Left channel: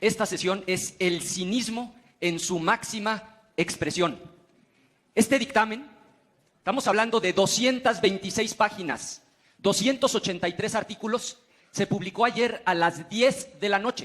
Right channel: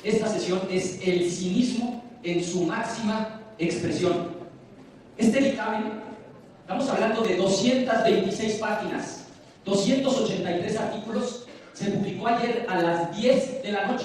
esta sesión es el cinismo en su máxima expresión. Este dictamen, estamos hablando de 226 páginas, 283 artículos, se publicó ayer a las 10 de la noche.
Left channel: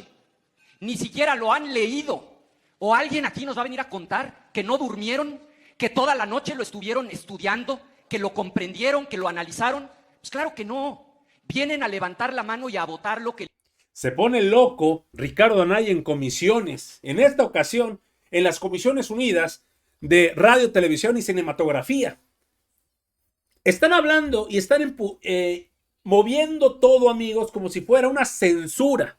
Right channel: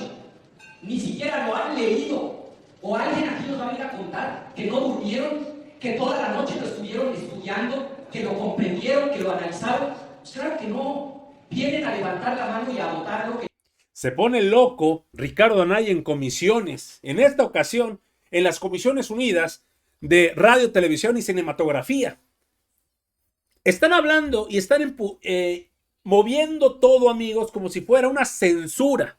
Ni siquiera lo han leído. O alguien aquí nos va a venir a contar que no durmieron, que toda la noche lo estuvieron estudiando, que lo comprendieron, que lo analizaron. Pues claro que no. Vienen a levantar la mano y a votar lo que... Se pone loco Ricardo Anaya en comisiones. En esta ocasión, en las Comisiones Unidas de Radio, Televisión y Cinematografía. Están hablando y están moviendo todo, amigos, como si fuera una censura.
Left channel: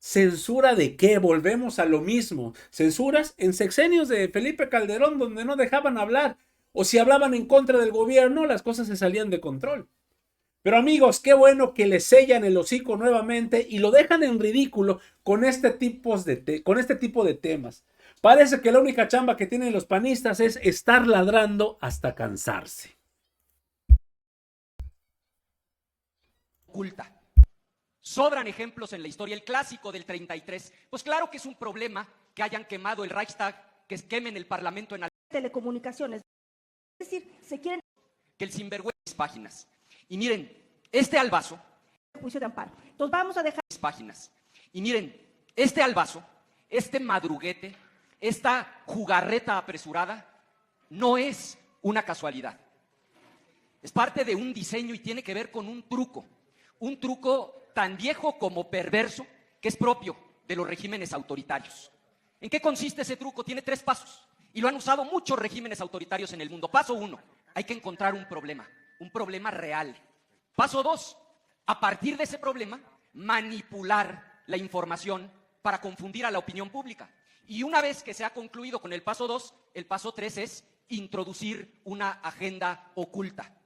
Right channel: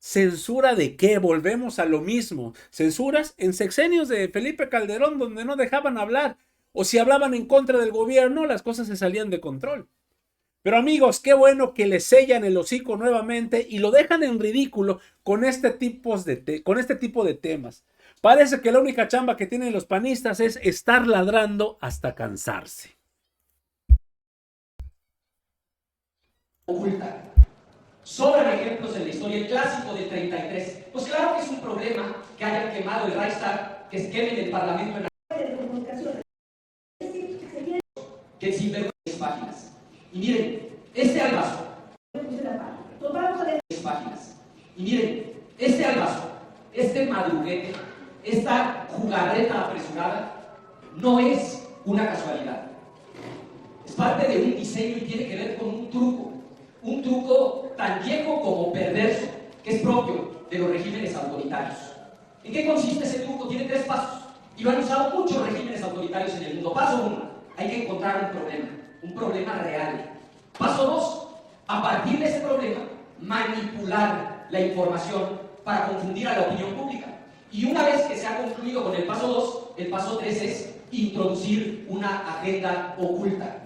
¿Censura de qué? Volvemos a lo mismo. Censuras en sexenios de Felipe Calderón, donde no dejaban hablar. O si hablaban en contra del gobierno, las cosas se salían de control. Pero amigos, qué bueno que le sellan el hocico nuevamente y lo dejan en ridículo con este tipo de temas. Parece que la única chamba que tienen los panistas es estar ladrando hasta cansarse. Oculta. Sobran ejemplos en la historia. El clásico del 33. Pues claro que es un problema que hayan quemado el Reichstag, que se quemen el Parlamento en de comunicaciones. Es decir, se quieren... Que el sinvergüenza páginas. Y miren, este albazo. Entonces vamos a dejar... páginas. Y miren, este albazo, este madruguete, esta jugarreta apresurada, no es una casualidad. Es parte de un diseño y tiene que ver con un truco tan viejo como perverso, que es propio de los regímenes autoritarios. ¿En qué consiste ese truco? Tiene 3 pasos, y lo han usado muchos regímenes autoritarios en el mundo. Paso 1, hay que encontrar un problema real. Paso 2, a partir de ese problema, manipular la información para confundir a la opinión pública. Y una vez que se ha concluido con el paso 2, el paso 3 es introducir una agenda oculta.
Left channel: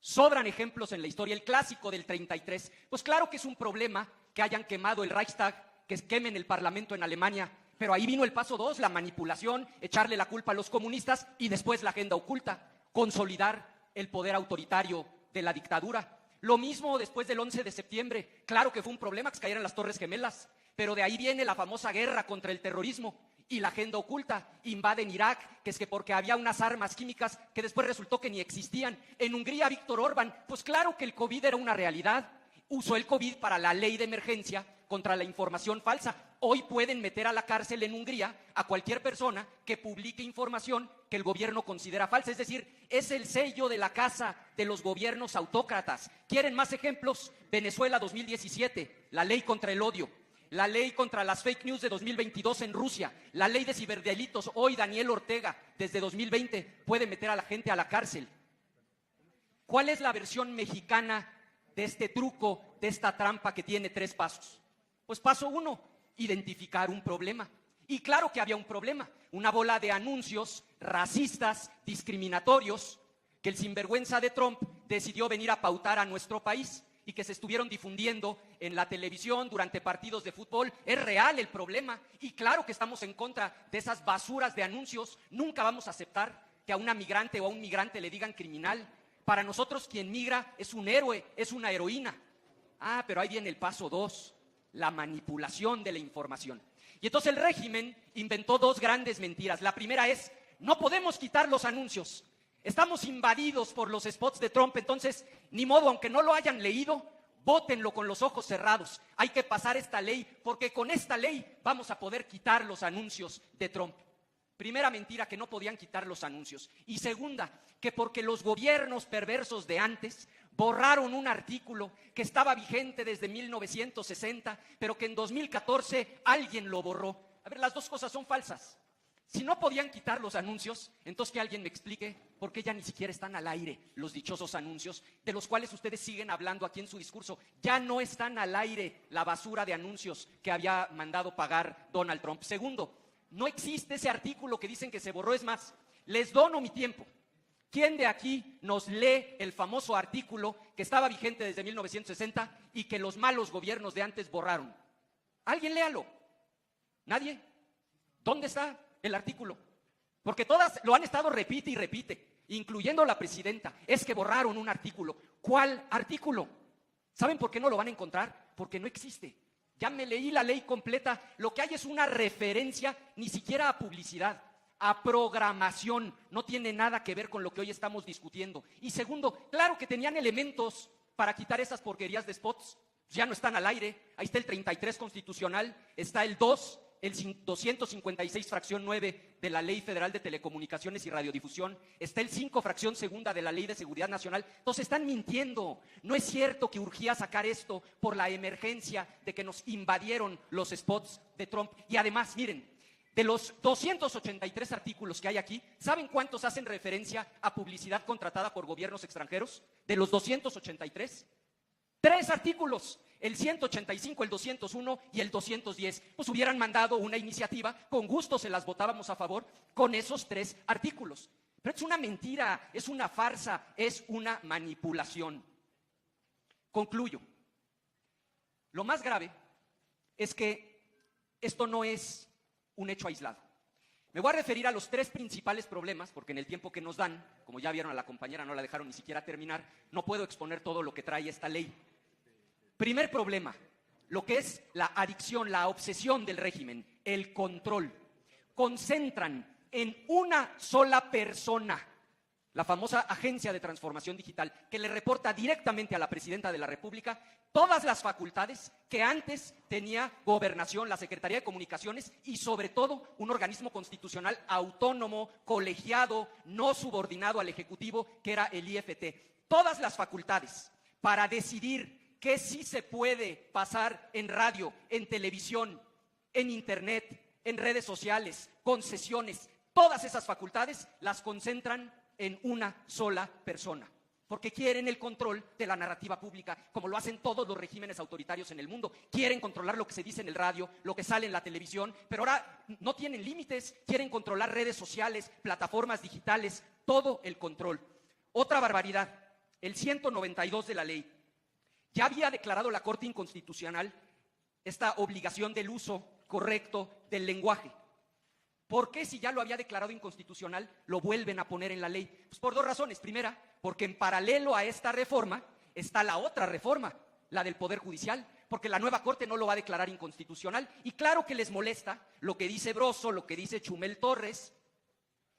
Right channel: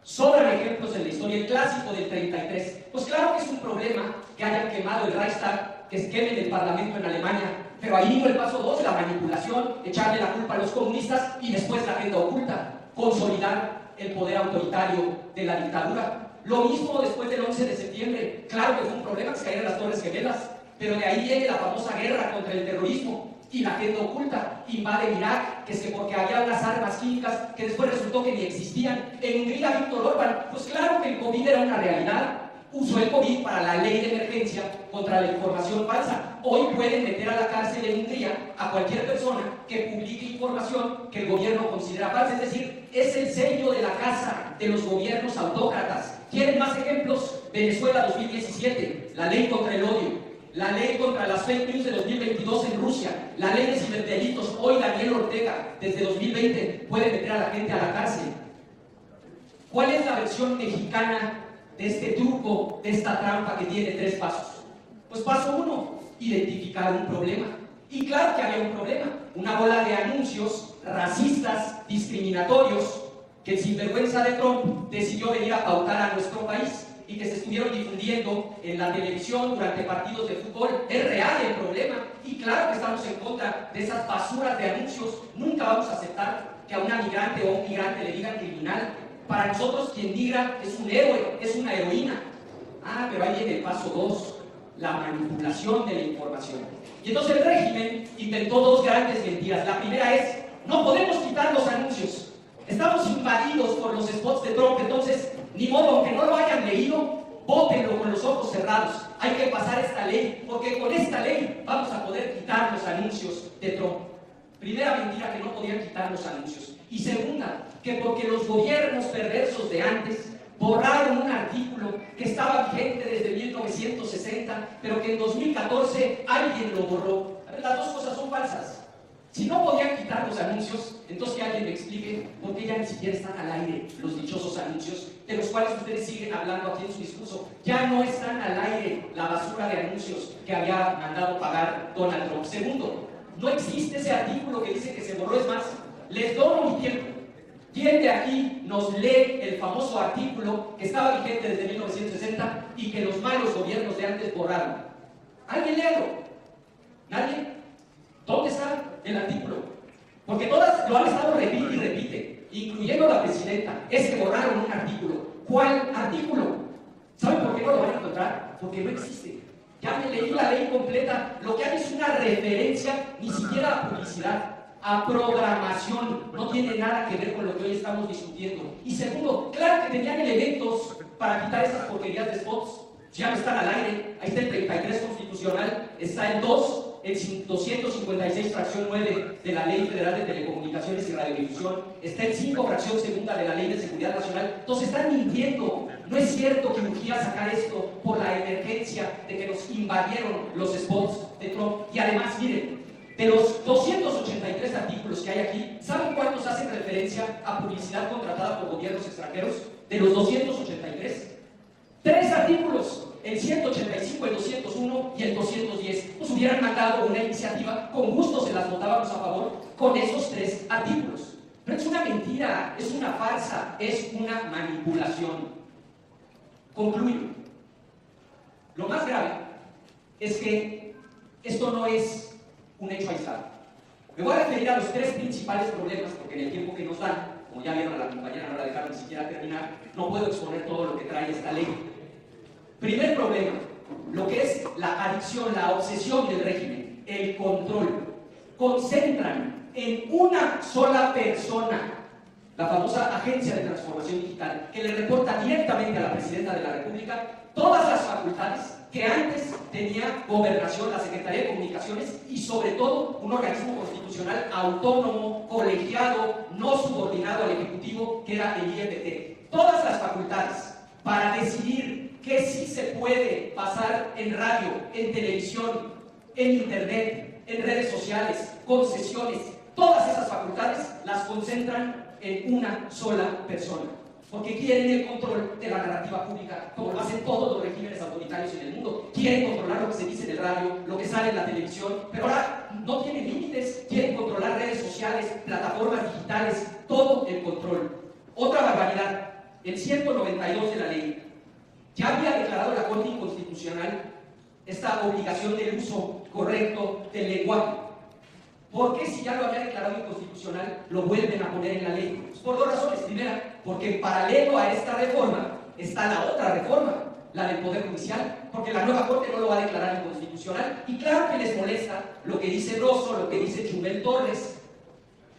Sobran ejemplos en la historia. El clásico del 33. Pues claro que es un problema que hayan quemado el Reichstag, que se quemen el Parlamento en Alemania, pero ahí vino el paso 2, la manipulación, echarle la culpa a los comunistas y después la agenda oculta, consolidar el poder autoritario de la dictadura. Lo mismo después del 11 de septiembre. Claro que fue un problema que se cayeran las Torres Gemelas, pero de ahí viene la famosa guerra contra el terrorismo y la agenda oculta. Invaden Irak, que es que porque había unas armas químicas que después resultó que ni existían. En Hungría, Víctor Orbán, pues claro que el COVID era una realidad. Usó el COVID para la ley de emergencia contra la información falsa. Hoy pueden meter a la cárcel en Hungría a cualquier persona que publique información que el gobierno considera falsa. Es decir, es el sello de la casa de los gobiernos autócratas. ¿Quieren más ejemplos? Venezuela 2017, la ley contra el odio. La ley contra las fake news de 2022 en Rusia, la ley de ciberdelitos. Hoy Daniel Ortega, desde 2020, puede meter a la gente a la cárcel. ¿Cuál es la versión mexicana de este truco, de esta trampa que tiene 3 pasos? Pues paso 1, identificar un problema. Y claro que había un problema, una bola de anuncios racistas, discriminatorios, que el sinvergüenza de Trump decidió venir a pautar a nuestro país y que se estuvieron difundiendo en la televisión durante partidos de fútbol. Es real el problema y claro que estamos en contra de esas basuras de anuncios. Nunca vamos a aceptar que a una migrante o a un migrante le digan criminal. Para nosotros quien migra es un héroe, es una heroína. Pero ahí viene el paso 2, la manipulación de la información. Y entonces el régimen inventó 2 grandes mentiras. La primera es, no podemos quitar los anuncios. Estamos invadidos por los spots de Trump, entonces ni modo, aunque no lo hayan leído, vótenlo con los ojos cerrados. Hay que pasar esta ley, porque con esta ley vamos a poder quitar los anuncios de Trump. Primera mentira, que no podían quitar los anuncios. Y segunda, que porque los gobiernos perversos de antes borraron un artículo que estaba vigente desde 1960, pero que en 2014 alguien lo borró. Las 2 cosas son falsas. Si no podían quitar los anuncios, entonces que alguien me explique por qué ya ni siquiera están al aire los dichosos anuncios, de los cuales ustedes siguen hablando aquí en su discurso. Ya no están al aire la basura de anuncios que había mandado pagar Donald Trump. Segundo, no existe ese artículo que dice que se borró. Es más, les dono mi tiempo. ¿Quién de aquí nos lee el famoso artículo que estaba vigente desde 1960 y que los malos gobiernos de antes borraron? ¿Alguien léalo? ¿Nadie? ¿Dónde está el artículo? Porque todas lo han estado repite y repite, incluyendo la presidenta. Es que borraron un artículo. ¿Cuál artículo? ¿Saben por qué no lo van a encontrar? Porque no existe. Ya me leí la ley completa. Lo que hay es una referencia, ni siquiera a publicidad, a programación. No tiene nada que ver con lo que hoy estamos discutiendo. Y segundo, claro que tenían elementos para quitar esas porquerías de spots. Ya no están al aire. Ahí está el 33 constitucional, está el 2, el 256 fracción 9 de la Ley Federal de Telecomunicaciones y Radiodifusión, está el 5 fracción segunda de la Ley de Seguridad Nacional. Entonces están mintiendo. No es cierto que urgía sacar esto por la emergencia de que nos invadieron los spots de Trump. Y además, miren, de los 283 artículos que hay aquí, ¿saben cuántos hacen referencia a publicidad contratada por gobiernos extranjeros? De los 283, 3 artículos, el 185, el 201 y el 210. Nos hubieran mandado una iniciativa, con gusto se las votábamos a favor con esos 3 artículos. Pero es una mentira, es una farsa, es una manipulación. Concluyo. Lo más grave es que esto no es un hecho aislado. Me voy a referir a los 3 principales problemas, porque en el tiempo que nos dan, como ya vieron, a la compañera no la dejaron ni siquiera terminar, no puedo exponer todo lo que trae esta ley. Primer problema, lo que es la adicción, la obsesión del régimen, el control. Concentran en una sola persona, la famosa Agencia de Transformación Digital, que le reporta directamente a la Presidenta de la República todas las facultades que antes tenía Gobernación, la Secretaría de Comunicaciones y sobre todo un organismo constitucional autónomo, colegiado, no subordinado al Ejecutivo, que era el IFT. Todas las facultades para decidir qué sí se puede pasar en radio, en televisión, en internet, en redes sociales, concesiones, todas esas facultades las concentran en una sola persona, porque quieren el control de la narrativa pública, como lo hacen todos los regímenes autoritarios en el mundo. Quieren controlar lo que se dice en el radio, lo que sale en la televisión, pero ahora no tienen límites. Quieren controlar redes sociales, plataformas digitales, todo el control. Otra barbaridad, el 192 de la ley ya había declarado la Corte Inconstitucional esta obligación del uso correcto del lenguaje. ¿Por qué, si ya lo había declarado inconstitucional, lo vuelven a poner en la ley? Pues por 2 razones. Primera, porque en paralelo a esta reforma está la otra reforma, la del Poder Judicial, porque la nueva Corte no lo va a declarar inconstitucional. Y claro que les molesta lo que dice Broso, lo que dice Chumel Torres.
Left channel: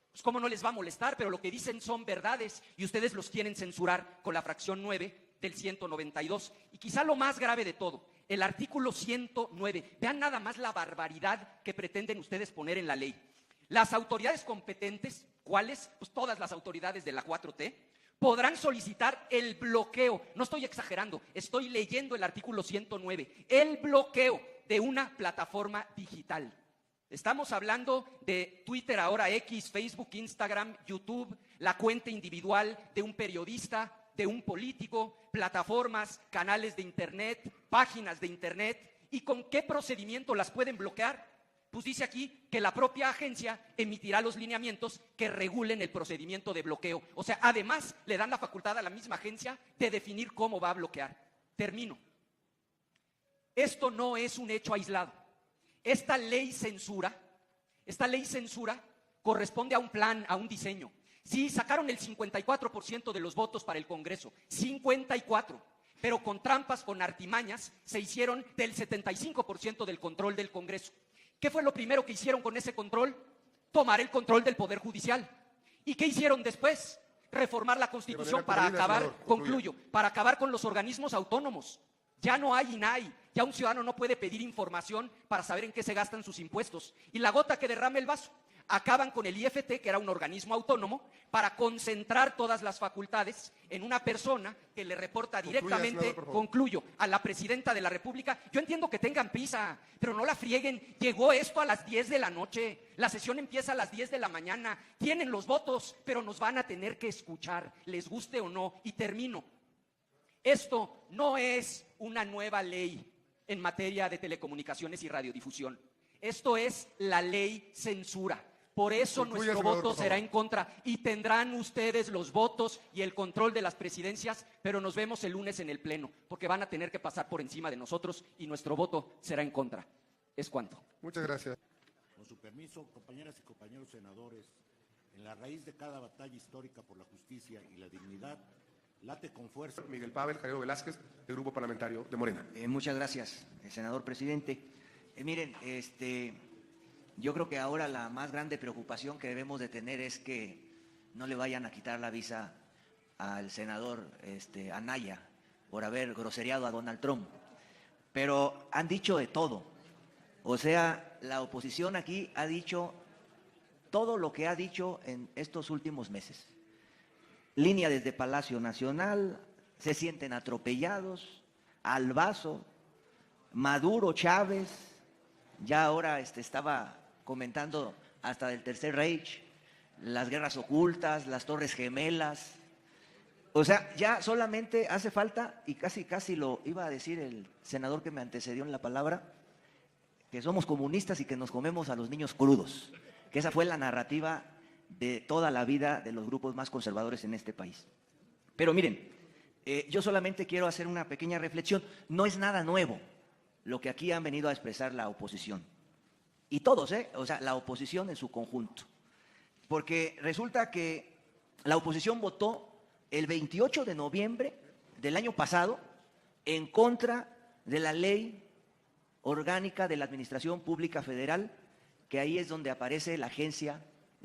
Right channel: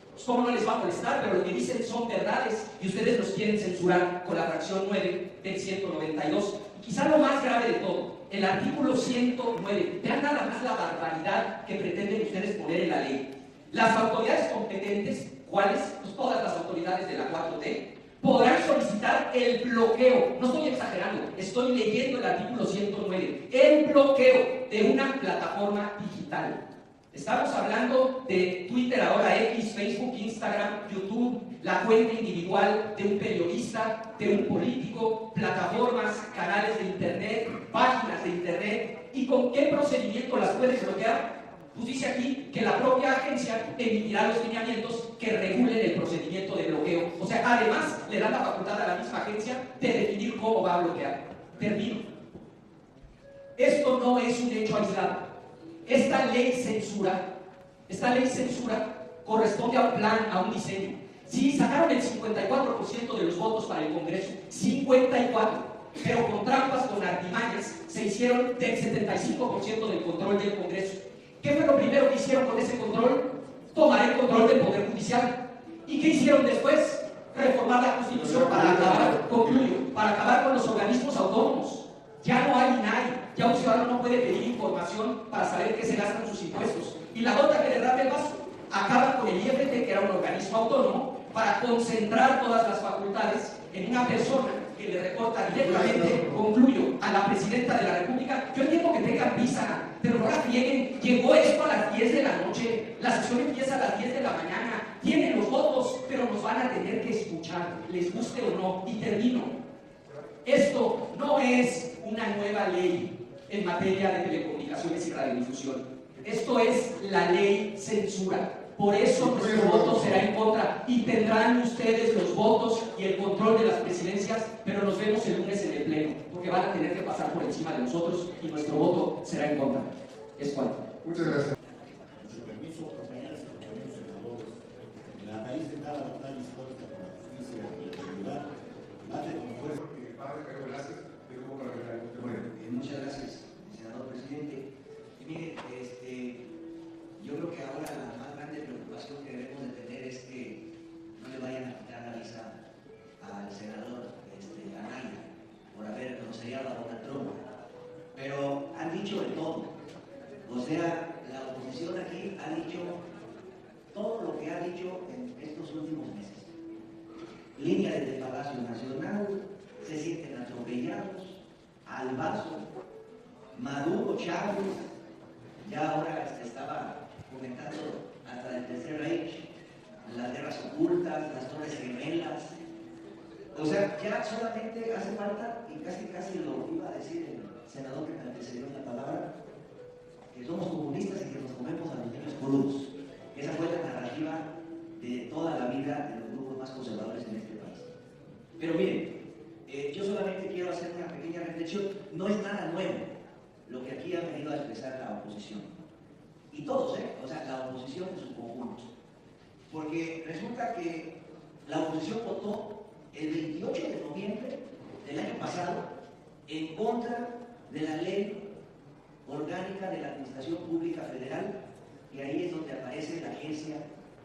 Pues cómo no les va a molestar, pero lo que dicen son verdades y ustedes los quieren censurar con la fracción 9 del 192. Y quizá lo más grave de todo, el artículo 109. Vean nada más la barbaridad que pretenden ustedes poner en la ley. Las autoridades competentes, ¿cuáles? Pues todas las autoridades de la 4T, podrán solicitar el bloqueo. No estoy exagerando, estoy leyendo el artículo 109. El bloqueo de una plataforma digital. Estamos hablando de Twitter, ahora X, Facebook, Instagram, YouTube, la cuenta individual de un periodista, de un político, plataformas, canales de internet, páginas de internet. ¿Y con qué procedimiento las pueden bloquear? Pues dice aquí que la propia agencia emitirá los lineamientos que regulen el procedimiento de bloqueo. O sea, además le dan la facultad a la misma agencia de definir cómo va a bloquear. Termino. Esto no es un hecho aislado. Esta ley censura corresponde a un plan, a un diseño. Sí, sacaron el 54% de los votos para el Congreso, 54%, pero con trampas, con artimañas, se hicieron del 75% del control del Congreso. ¿Qué fue lo primero que hicieron con ese control? Tomar el control del Poder Judicial. ¿Y qué hicieron después? Reformar la Constitución para acabar, concluyo, para acabar con los organismos autónomos. Ya no hay INAI, ya un ciudadano no puede pedir información para saber en qué se gastan sus impuestos. Y la gota que derrama el vaso, acaban con el IFT, que era un organismo autónomo, para concentrar todas las facultades en una persona que le reporta directamente, concluyo, a la Presidenta de la República. Yo entiendo que tengan prisa, pero no la frieguen. Llegó esto a las 10 de la noche, la sesión empieza a las 10 de la mañana, tienen los votos, pero nos van a tener que escuchar, les guste o no. Y termino. Esto no es una nueva ley en materia de telecomunicaciones y radiodifusión. Esto es la ley censura. Por eso nuestro voto será en contra y tendrán ustedes los votos y el control de las presidencias, pero nos vemos el lunes en el pleno, porque van a tener que pasar por encima de nosotros y nuestro voto será en contra. Es cuanto. Muchas gracias. Miguel Pavel, Javier Velázquez, del Grupo Parlamentario de Morena. Muchas gracias, senador. presidente. Miren, yo creo que ahora la más grande preocupación que debemos de tener es que no le vayan a quitar la visa al senador Anaya por haber grosereado a Donald Trump. Pero han dicho de todo. O sea, la oposición aquí ha dicho todo lo que ha dicho en estos últimos meses. Línea desde Palacio Nacional, se sienten atropellados, Albazo, Maduro, Chávez, ya ahora estaba comentando hasta del Tercer Reich, las guerras ocultas, las Torres Gemelas. O sea, ya solamente hace falta, y casi lo iba a decir el senador que me antecedió en la palabra, que somos comunistas y que nos comemos a los niños crudos, que esa fue la narrativa de toda la vida de los grupos más conservadores en este país. Pero miren, yo solamente quiero hacer una pequeña reflexión. No es nada nuevo lo que aquí han venido a expresar la oposición. Y todos, o sea, la oposición en su conjunto. Porque resulta que la oposición votó el 28 de noviembre del año pasado en contra de la ley orgánica de la Administración Pública Federal, que ahí es donde aparece la agencia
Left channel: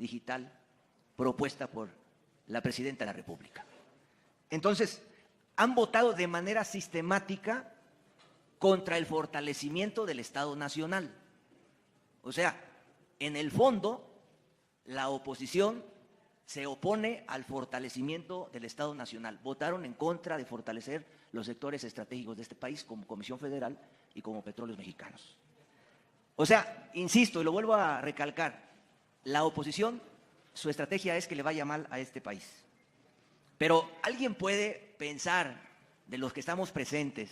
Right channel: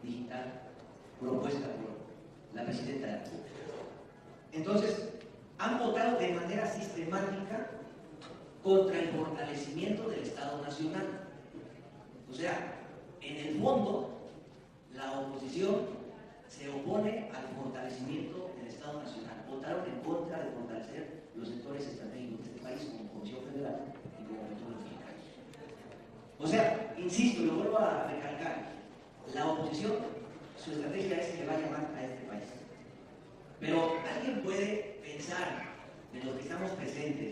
digital propuesta por la Presidenta de la República. Entonces, han votado de manera sistemática contra el fortalecimiento del Estado Nacional. O sea, en el fondo, la oposición se opone al fortalecimiento del Estado Nacional. Votaron en contra de fortalecer los sectores estratégicos de este país, como Comisión Federal y como Petróleos Mexicanos. O sea, insisto y lo vuelvo a recalcar, la oposición, su estrategia es que le vaya mal a este país. Pero alguien puede pensar, de los que estamos presentes,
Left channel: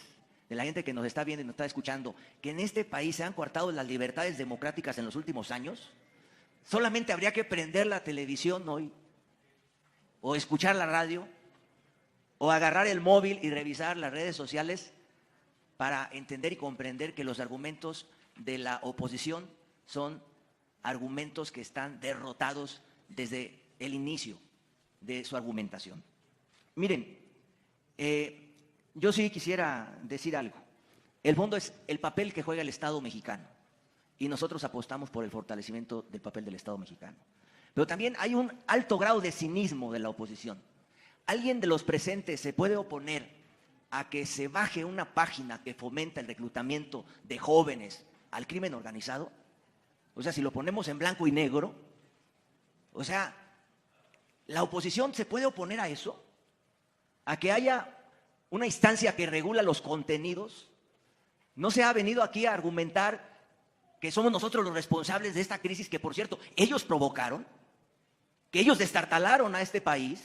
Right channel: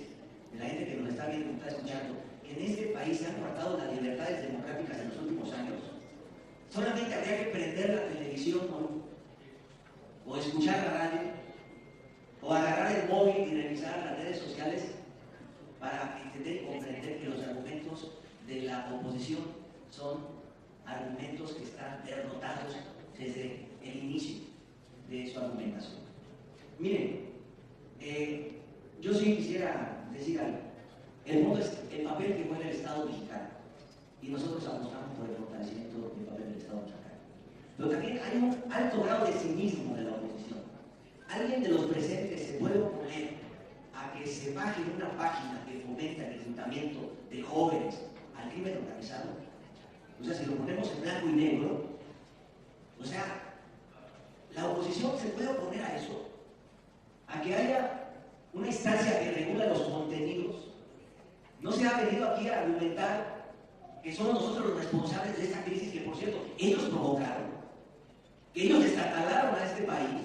de la gente que nos está viendo y nos está escuchando, que en este país se han coartado las libertades democráticas en los últimos años. Solamente habría que prender la televisión hoy, o escuchar la radio, o agarrar el móvil y revisar las redes sociales para entender y comprender que los argumentos de la oposición son argumentos que están derrotados desde el inicio de su argumentación. Miren, yo sí quisiera decir algo. El fondo es el papel que juega el Estado mexicano y nosotros apostamos por el fortalecimiento del papel del Estado mexicano. Pero también hay un alto grado de cinismo de la oposición. ¿Alguien de los presentes se puede oponer a que se baje una página que fomenta el reclutamiento de jóvenes al crimen organizado? O sea, si lo ponemos en blanco y negro, o sea, ¿la oposición se puede oponer a eso? ¿A que haya una instancia que regula los contenidos? ¿No se ha venido aquí a argumentar que somos nosotros los responsables de esta crisis que, por cierto, ellos provocaron? Que ellos destartalaron a este país,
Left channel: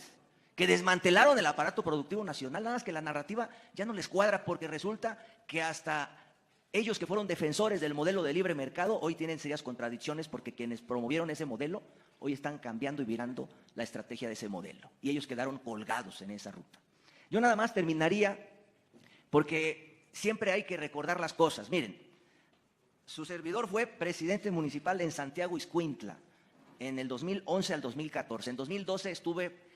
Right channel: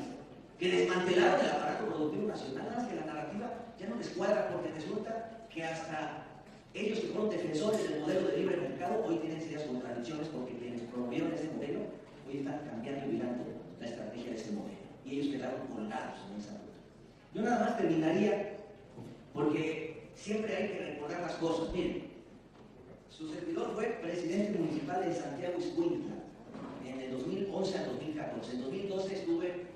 que desmantelaron el aparato productivo nacional. Nada más que la narrativa ya no les cuadra, porque resulta que hasta ellos, que fueron defensores del modelo de libre mercado, hoy tienen serias contradicciones, porque quienes promovieron ese modelo hoy están cambiando y virando la estrategia de ese modelo, y ellos quedaron colgados en esa ruta. Yo nada más terminaría, porque siempre hay que recordar las cosas. Miren, su servidor fue presidente municipal en Santiago Ixcuintla en el 2011 al 2014. En 2012 estuve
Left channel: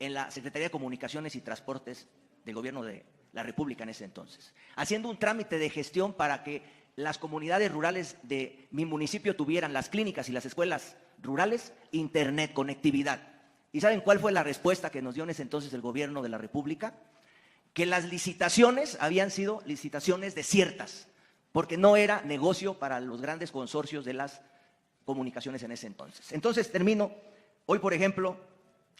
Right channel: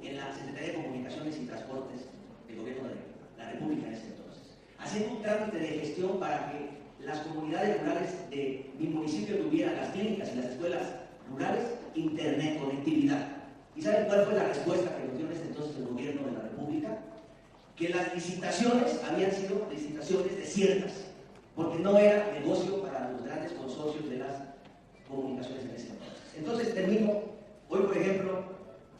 en la Secretaría de Comunicaciones y Transportes del Gobierno de la República en ese entonces, haciendo un trámite de gestión para que las comunidades rurales de mi municipio tuvieran, las clínicas y las escuelas rurales, internet, conectividad. ¿Y saben cuál fue la respuesta que nos dio en ese entonces el Gobierno de la República? Que las licitaciones habían sido licitaciones desiertas, porque no era negocio para los grandes consorcios de las comunicaciones en ese entonces. Entonces termino. Hoy, por ejemplo,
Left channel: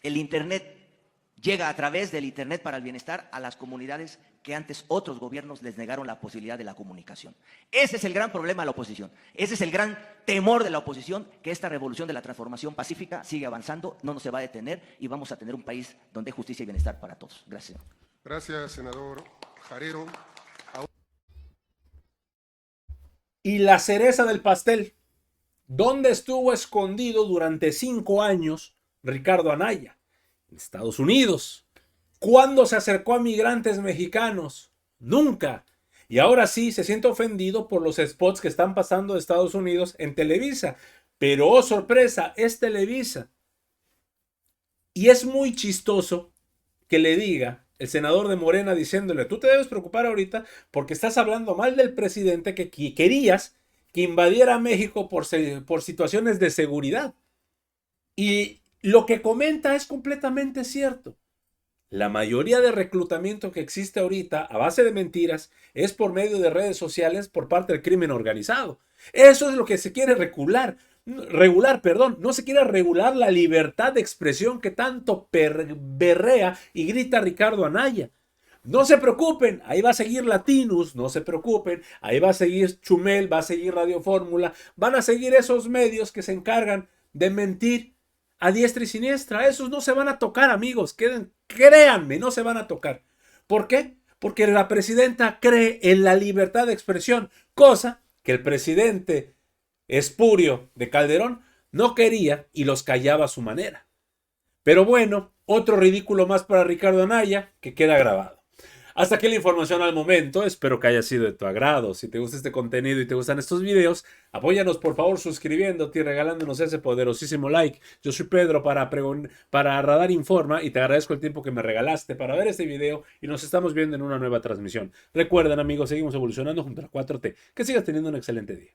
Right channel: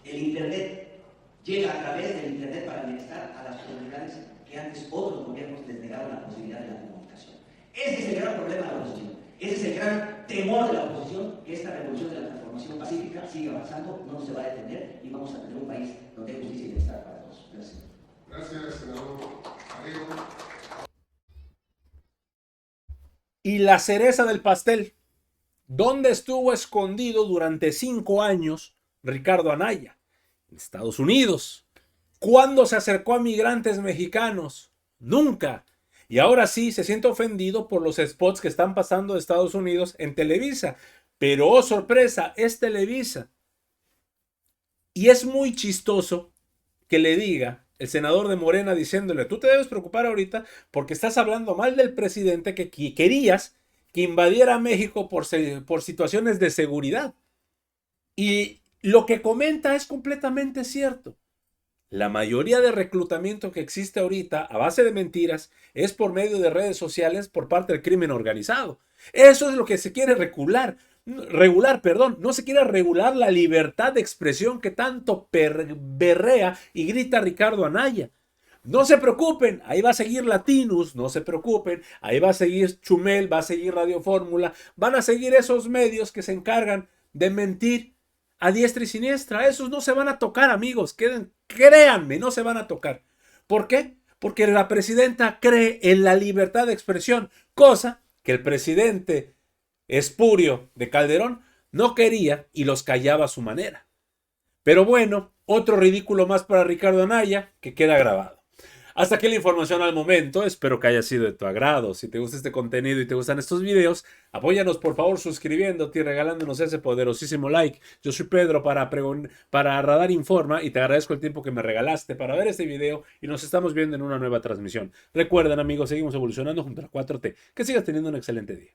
el internet llega a través del internet para el bienestar a las comunidades que antes otros gobiernos les negaron la posibilidad de la comunicación. Ese es el gran problema de la oposición. Ese es el gran temor de la oposición, que esta revolución de la transformación pacífica sigue avanzando, no se va a detener y vamos a tener un país donde hay justicia y bienestar para todos. Gracias. Gracias, senador Parero. Y la cereza del pastel. ¿Dónde estuvo escondido durante 5 años Ricardo Anaya? En Estados Unidos. ¿Cuándo se acercó a migrantes mexicanos? Nunca. Y ahora sí se siente ofendido por los spots que están pasando de Estados Unidos en Televisa. Pero, oh sorpresa, es Televisa. Y es muy chistoso que le diga el senador de Morena diciéndole, tú te debes preocupar ahorita porque estás hablando mal del presidente que querías que invadiera México por situaciones de seguridad. Y lo que comenta es completamente cierto. La mayoría de reclutamiento que existe ahorita a base de mentiras es por medio de redes sociales por parte del crimen organizado. Eso es lo que se quiere regular, perdón. No se quiere regular la libertad de expresión que tanto berrea y grita Ricardo Anaya. No se preocupen, ahí va a seguir Latinus, no se preocupen, ahí va a seguir Chumel, va a seguir Radio Fórmula, van a seguir esos medios que se encargan de mentir a diestra y siniestra. Esos no se van a tocar, amigos, créanme, no se van a tocar. ¿Por qué? Porque la presidenta cree en la libertad de expresión, cosa que el presidente espurio de Calderón no quería y los callaba a su manera. Pero bueno, otro ridículo más para Ricardo Anaya que queda grabado. Hasta aquí la información al momento, espero que haya sido de tu agrado. Si te gusta este contenido y te gustan estos videos, apóyanos por favor suscribiéndote y regalándonos ese poderosísimo like. Yo soy Pedro para Radar Informa y te agradezco el tiempo que me regalaste para ver este video y nos estamos viendo en una nueva transmisión. Recuerden amigos, seguimos evolucionando junto a la 4T. Que sigas teniendo un excelente día.